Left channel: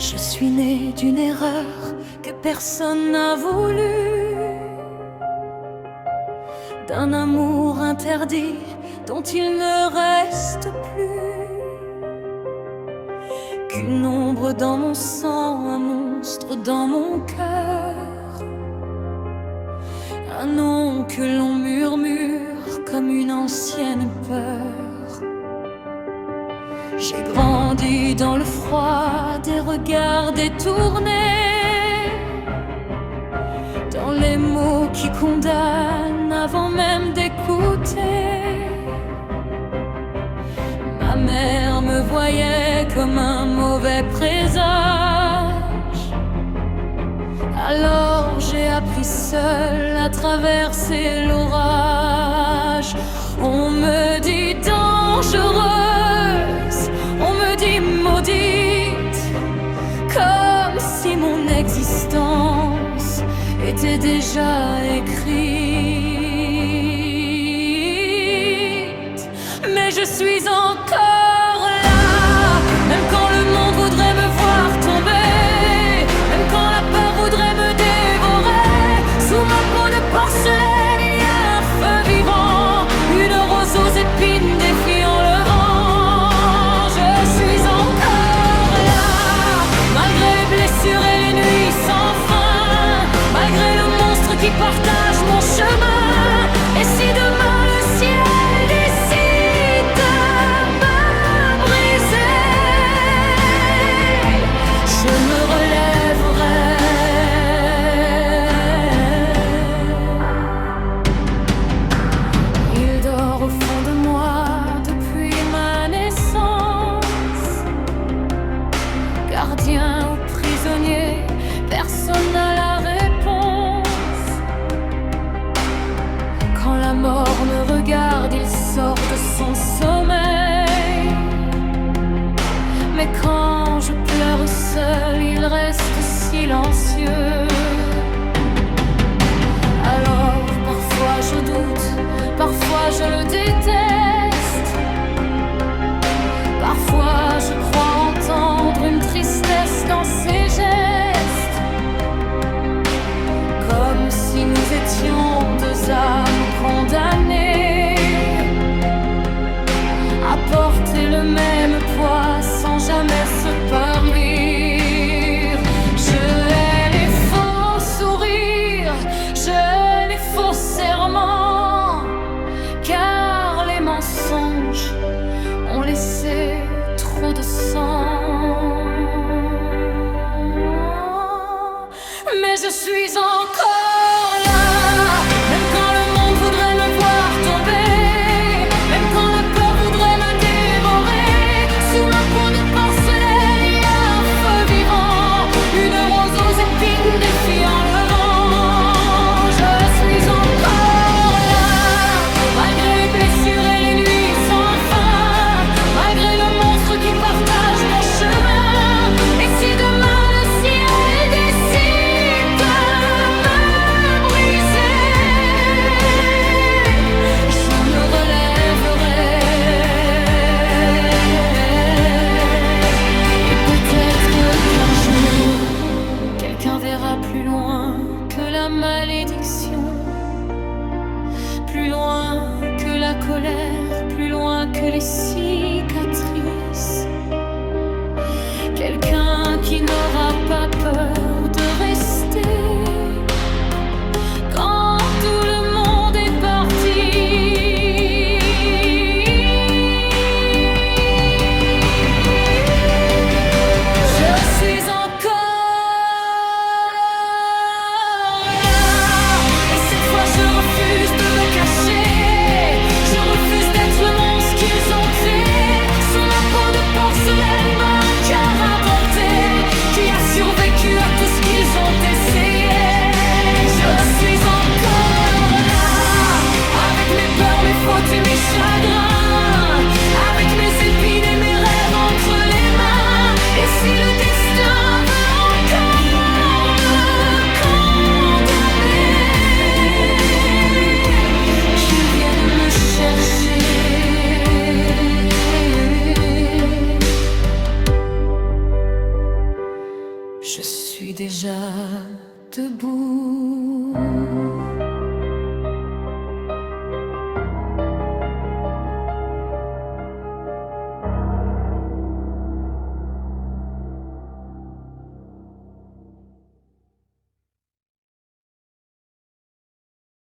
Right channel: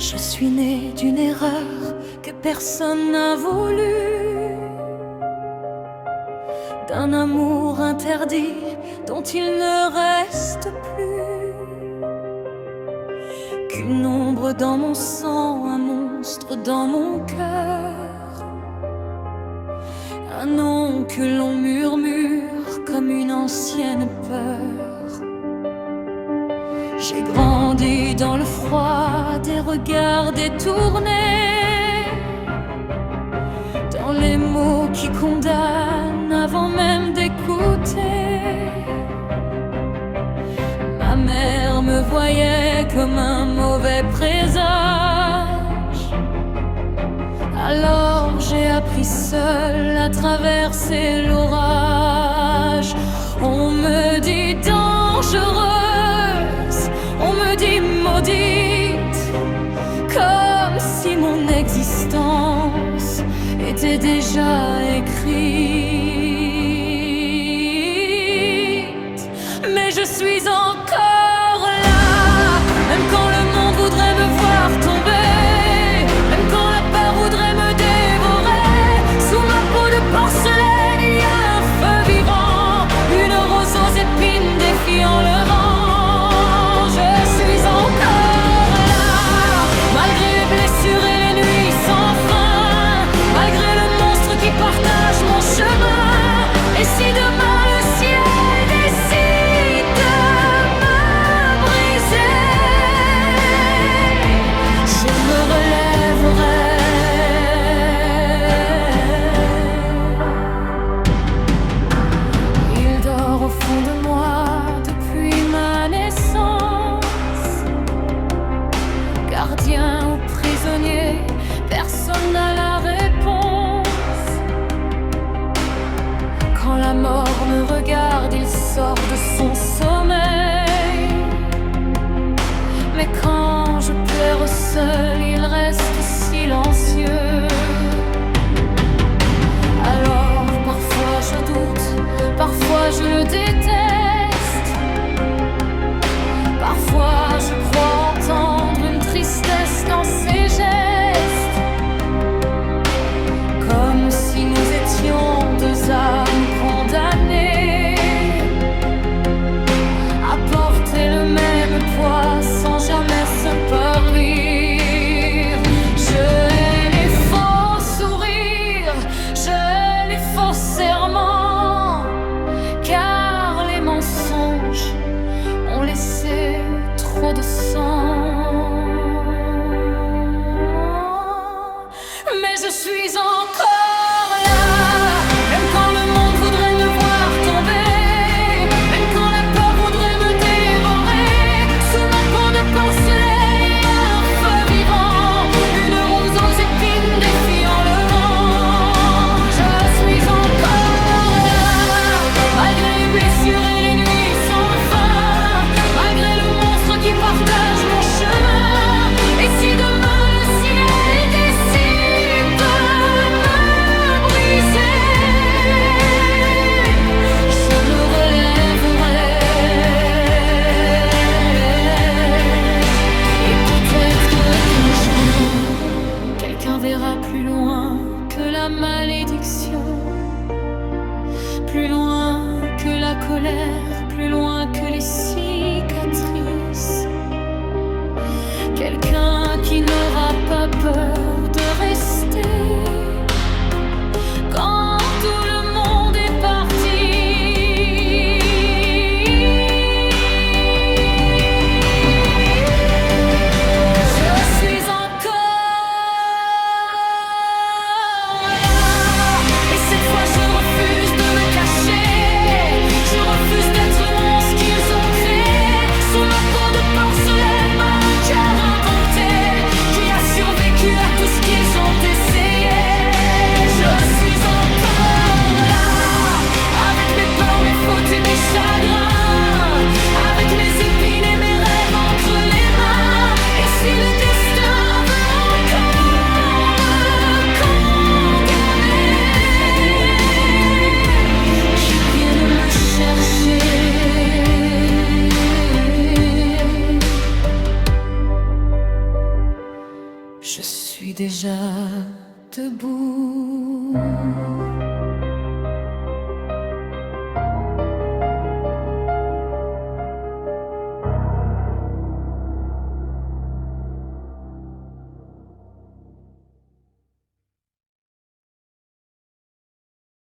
Je suis née d'une erreur que personne n'a voulu, d'un amour interdit dont il ne reste plus qu'une ombre dans mon sang, un monstre dans mon cœur, un nom que l'on murmure comme une ancienne peur. J'ai grandi dans le froid des regards détournés, dans les mots qui condamnent avant même d'écouter. Ma mère me voyait comme un mauvais présage, alors j'ai appris seule à traverser l'orage. On me dit dangereuse, on me dit maudite, comme si mon existence était déjà écrite. Mais je suis encore là, même quand le monde voudrait me voir tomber, même quand la peur voudrait me dévorer. Sous ma peau de porcelaine, il y a un feu vivant, une rose aux épines défiant le vent. Je suis encore là, malgré les blessures et les nuits sans fin, malgré le monstre qui partage mon chemin. Et si demain le ciel décide de me briser, je me relèverai. Il dort au fond de moi depuis ma naissance, gardien ou prisonnier, personne n'a la réponse. Quand la mort me regarde, il sort de son sommeil. Mais quand je pleure seul, il reste silencieux. Alors parfois je doute, parfois je le déteste, parfois je crois entendre une tristesse dans ses gestes, comme si nous étions deux âmes condamnées à porter le même poids sans jamais se partir. Je hais les faux sourires, je hais les faux serments, car les mensonges ont laissé trop de sang. Mais je suis encore là, même quand le monde voudrait me voir tomber, même quand la peur voudrait me dévorer. Sous ma peau de porcelaine, il y a un feu vivant, une rose aux épines défiant le vent. Je suis encore là, malgré les blessures et les nuits sans fin, malgré le monstre qui partage mon chemin. Et si demain le ciel décide de me briser, je me relèverai. Et peut-être qu'un jour, quelqu'un verra plus loin que la malédiction, plus loin que la colère, plus loin que les cicatrices. Quelqu'un qui n'aura pas peur de rester quand tout le monde est parti. Je suis encore là, et cette fois je refuse de me cacher. Je refuse d'être le monstre qu'ils ont créé. Sous ma peau de porcelaine, un cœur indompté qui a survécu à tout ce qu'ils ont essayé. Je suis encore là, avec mes peurs, mes fautes et mes chagrins, avec mes épines et mes rêves entre les mains. Et si le destin veut encore me condamner, qu'il vienne me chercher. déjà debout.